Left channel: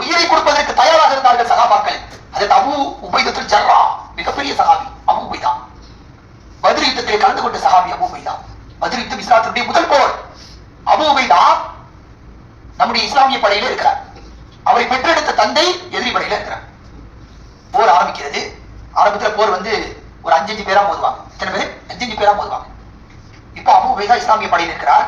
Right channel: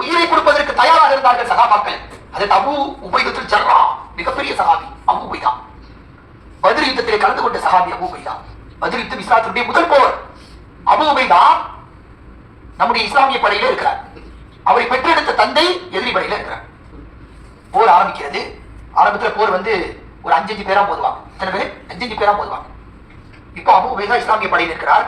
உயிரை கொடுப்பதற்கு தயாராக இருந்தார்கள் சகாபாக்கள். அது அபூ உபைதத்துல் ஜர்ரா, மிகப்பெரிய சகாபி அபூ உபைதா. பத்ர் யுத்தத்திலே கலந்து கொண்ட சகாபி அபூ உபைதா. பத்ர் யுத்தம் இஸ்லாத்தினுடைய முதல் போர். அபூ உபைதா நம்முடைய இஸ்லாமிய படையில இருக்கிறார். அவரை பெற்றெடுத்த தந்தை எதிரி படையில இருக்கிறார். போர் ஆரம்பிக்கிறது. ஆரம்பத்துல போர் வந்து ஒரு 5 பேரா போதுவாங்க. எத்தனை பேர்? 5 பேரா போதுவாங்க. இப்போ அபூ உபைதா இஸ்லாமிய படையில் இருக்கிறார்.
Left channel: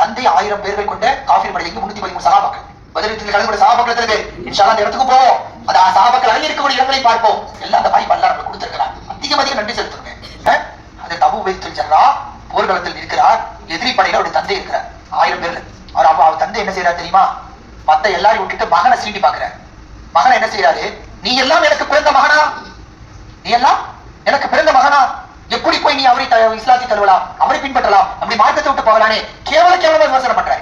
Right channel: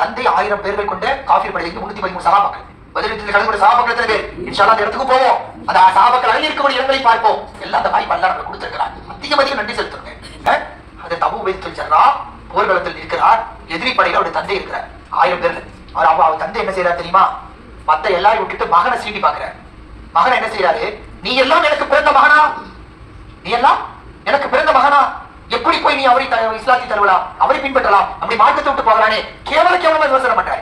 தந்தை 1000 பேர்கள் கொண்ட காஃபிர் படையிலிருந்து 313 சகாபாக்கள். பத்ர் யுத்தத்தில் கலந்து கொண்ட சகாபாக்கள் எத்தனை பேர்? இன்ஷா அல்லாஹ் அந்த இடத்துக்கு போவோம். அந்த சகாபாக்கள் அங்கே இருக்கக்கூடிய இடங்களை பார்ப்போம். எல்லாம் அந்த மாதிரி அல்லாஹ் நமக்கு கொடுத்திருக்கிறார். அதிக நன்றி செலுத்துங்க. அது அபூ உபைதத்துல் ஜர்ரா போர்க்களத்தில் இருக்கிறார். எதிரி படையில அவருடைய தந்தை இருக்கிறார். 1000 பேர்ல அவர் தந்தை என்ன செய்யறாரு தெரியுமா? மத்த எல்லாரையும் விட்டுட்டு மகனை சீண்டி பாக்குறாரு. மகனை என்ன செய்யறாரு? நீ எல்லாம் எனக்கு பிறந்த மகனா? நீ எல்லாம் எனக்கு பிறந்த மகனா? எப்படி போய் நீ அவரை இஸ்லாத்தை தழுவலாம், அவரை பின்பற்றலாம், அப்படி மார்க்கத்தை விட்டு போகலானே கேவலமா விமர்சனம் பண்ற.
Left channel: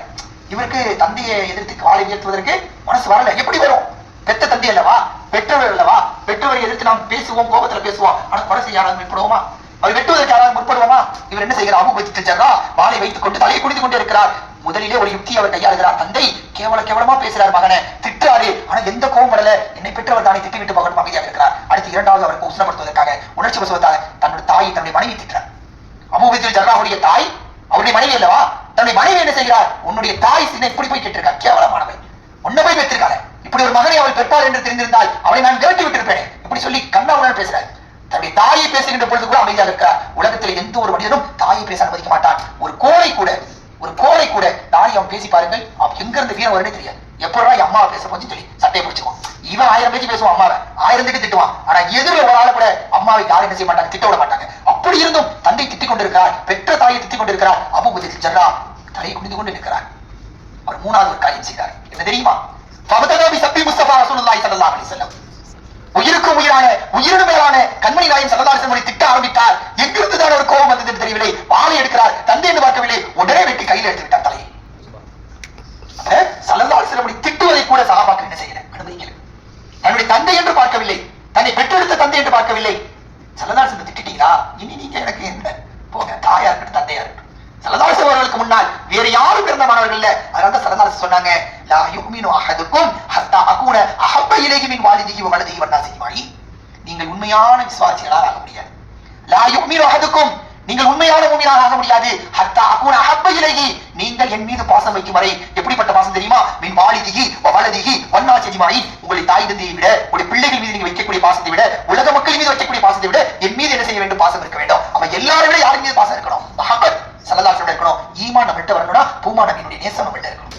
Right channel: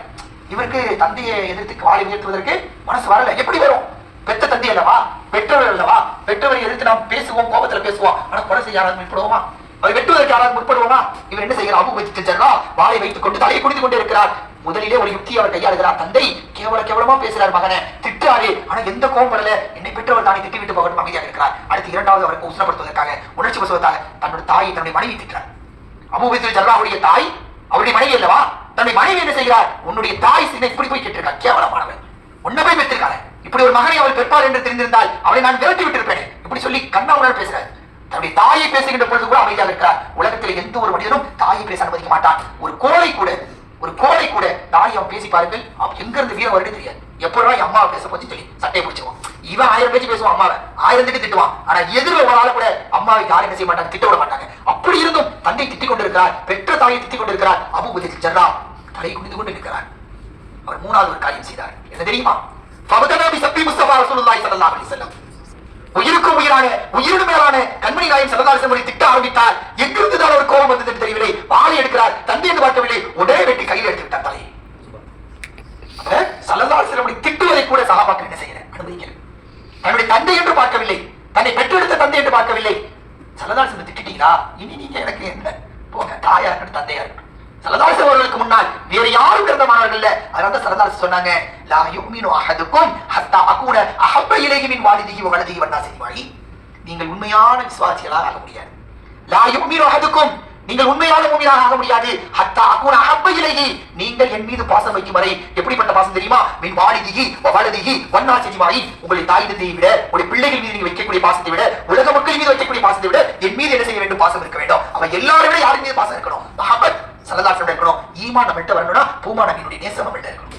இவருக்கு தந்தையை எதிர்த்து வாழை உயர்த்துவதற்கு மனசு வரல. எப்படி வரும்? பெத்த தந்தை அல்லவா, பெற்றோர் அல்லவா, பெற்றோரை எதிர்த்து நாம் பேசுவோம், கோபத்துல பேசுவோம். ஆனா கொலை செய்ய யாராவது முற்படுவோமா? அவர் வெட்டுவதற்கு யாராவது முற்படுவோமா? இவர் என்ன செய்கிறார்? அபூ உபைதத்துல் ஜர்ரா வாளை வைத்துக் கொண்டு தலையை குடித்துக் கொண்டே இருக்கிறார். முதலிலே ஒரு யுக்தி அவர் கையாளுகிறார். தந்தை கேவலமா பேசுறார், மகனை திட்டாரு. ஆனா எந்த கோபம் வரல. என்னை பெற்றவர் தானே, திட்டி விட்டு போகணும், அமைதியாக இருக்கிறார். அடுத்து இரண்டாவது அவருக்கு உஷ்ணப்படுத்துவதற்காக, உணர்ச்சி வசவத்தாக தன்னுடைய தாயை, தன்னுடைய மனைவி திட்டார். அபூ உபைதத்துல் ஜர்ரா அவருடைய தாய், அவருடைய மனைவி அல்லவா? தன்னுடைய மனைவி என்ன செய்கிறார்? உன்னுடைய தாய் சின்ன இப்படி போய் கேட்டிருக்கார், கேவலமானவன், உன்னை போய் பெற்றிருக்காரு. இப்படி ஒரு மகனை அவள் பெற்றார் என்று தெரிந்திருந்தால் அவளை நான் விரட்டி விட்டிருப்பேன். இப்படி சொல்லி கண்ணாவுடன் பேசுறாரு. தன்னுடைய தாயை பேசுகின்ற பொழுது கூட அமைதியாக இருக்கிறார். உலகத்தில் எந்த ஒரு மனிதனும் தாயை பேச அனுமதிக்க மாட்டான். ஒரு கோழை கூட தாய் அவன் பேசி பாருங்கள், அவன் எங்க இருந்து வீரம் வரும்னே தெரியாது. எப்பொழுதும் என் அம்மாவை பேச போச்சு சொல்லி சட்டையை பிடிச்சிருவான். இவன் 1000 பேச்சு பேசுவான், அம்மாவை 1000 திட்டுவான். ஆனா எதிர ஒரு ஆள கூட அம்மாவை யாரும் என்ன செய்ய மாட்டாங்க, திட்ட விட மாட்டாங்க. அப்படி இருந்தும் தந்தை திட்டிக் கொண்டிருக்கிறார், பெற்ற தாயை திட்டிக் கொண்டிருக்கிறார். அபூ உபைதத்துல் ஜர்ரா தலையை குனிந்து கொண்டு இருக்கிறார். அவர் மூணாவது ஒரு காரியம் செய்தார். என்ன தெரியுமா? உயிருக்கும் உயிரான, உயிரினும் மேலான கண்மணி நாயகம் ஸல்லல்லாஹு அலைஹி வஸல்லம் திட்ட ஆரம்பித்தார். எங்கிருந்து தான் ஒரு கோபம் வந்தது தெரியவில்லை. வாளை எடுக்கிறார். தந்தை என்று பார்க்கவில்லை, உடனே வெட்டி கையில் எடுத்து விட்டார் தலையை. ஸல்லல்லாஹு அலைஹி வஸல்லம் திட்டுவதை கூட சஹாபாக்கள் என்ன செய்யல, அனுமதிக்கல. தன்னுடைய தந்தை என்று பார்க்கவில்லை, தன்னை பெற்றெடுத்த தந்தை என்று பார்க்கவில்லை. ஸல்லல்லாஹு அலைஹி வஸல்லம் திட்டிட்டீங்களா, இனி நீங்க எனக்கு என்ன, போங்க, தாயா இருக்கட்டும் தந்தையா இருக்கட்டும். ஸல்லல்லாஹு அலைஹி வஸல்லம் அவர்களுக்கு முன்னால் வேற யாரும் பிறந்த மாணவர்கள் இல்ல. அதனால ஸல்லல்லாஹு அலைஹி வஸல்லம் சொன்னாங்க, லா யுமினு அஹதுக்கும் ஹத்தா அகூன அஹப்ப இலைஹி மின் வாலிதிஹி வ வலதிஹி வன்னாஸி அஜ்மஈன். நீங்கள் உண்மையான விசுவாசிகளாக ஆக முடியாது. லா யுமினு அஹதுக்கும், நீங்கள் உண்மையான முஃமினாக ஆக முடியாது. ஹத்தா அகூன அஹப்ப இலைஹி, நீங்கள் என் மீது பாசம் வைக்கும் வரை. எப்படிப்பட்ட பாசம் தெரியுமா? மின் வாலிதிஹி வ வலதிஹி வன்னாஸி அஜ்மஈன். உங்களுடைய தாய் தந்தையை விட, உங்களுடைய பிள்ளைகள் மீது நீங்க வைக்கக்கூடிய பாசத்தை விட, உலக மக்கள் மீது வைக்கக்கூடிய பாசத்தை விட என் மீது என்ன செய்ய வேண்டும்? பாசம் இருக்க வேண்டும். அவ எல்லாரை விட யார் மீது பாசம் இருக்கணும்? மஹப்பத் ஸல்லல்லாஹு அலைஹி வஸல்லம் இருக்கணும். ஈமான் நம்மள்ட்ட வரணும்னா பூமா நபியினுடைய நேசம் நம்மள்ட்ட இருக்கணும்.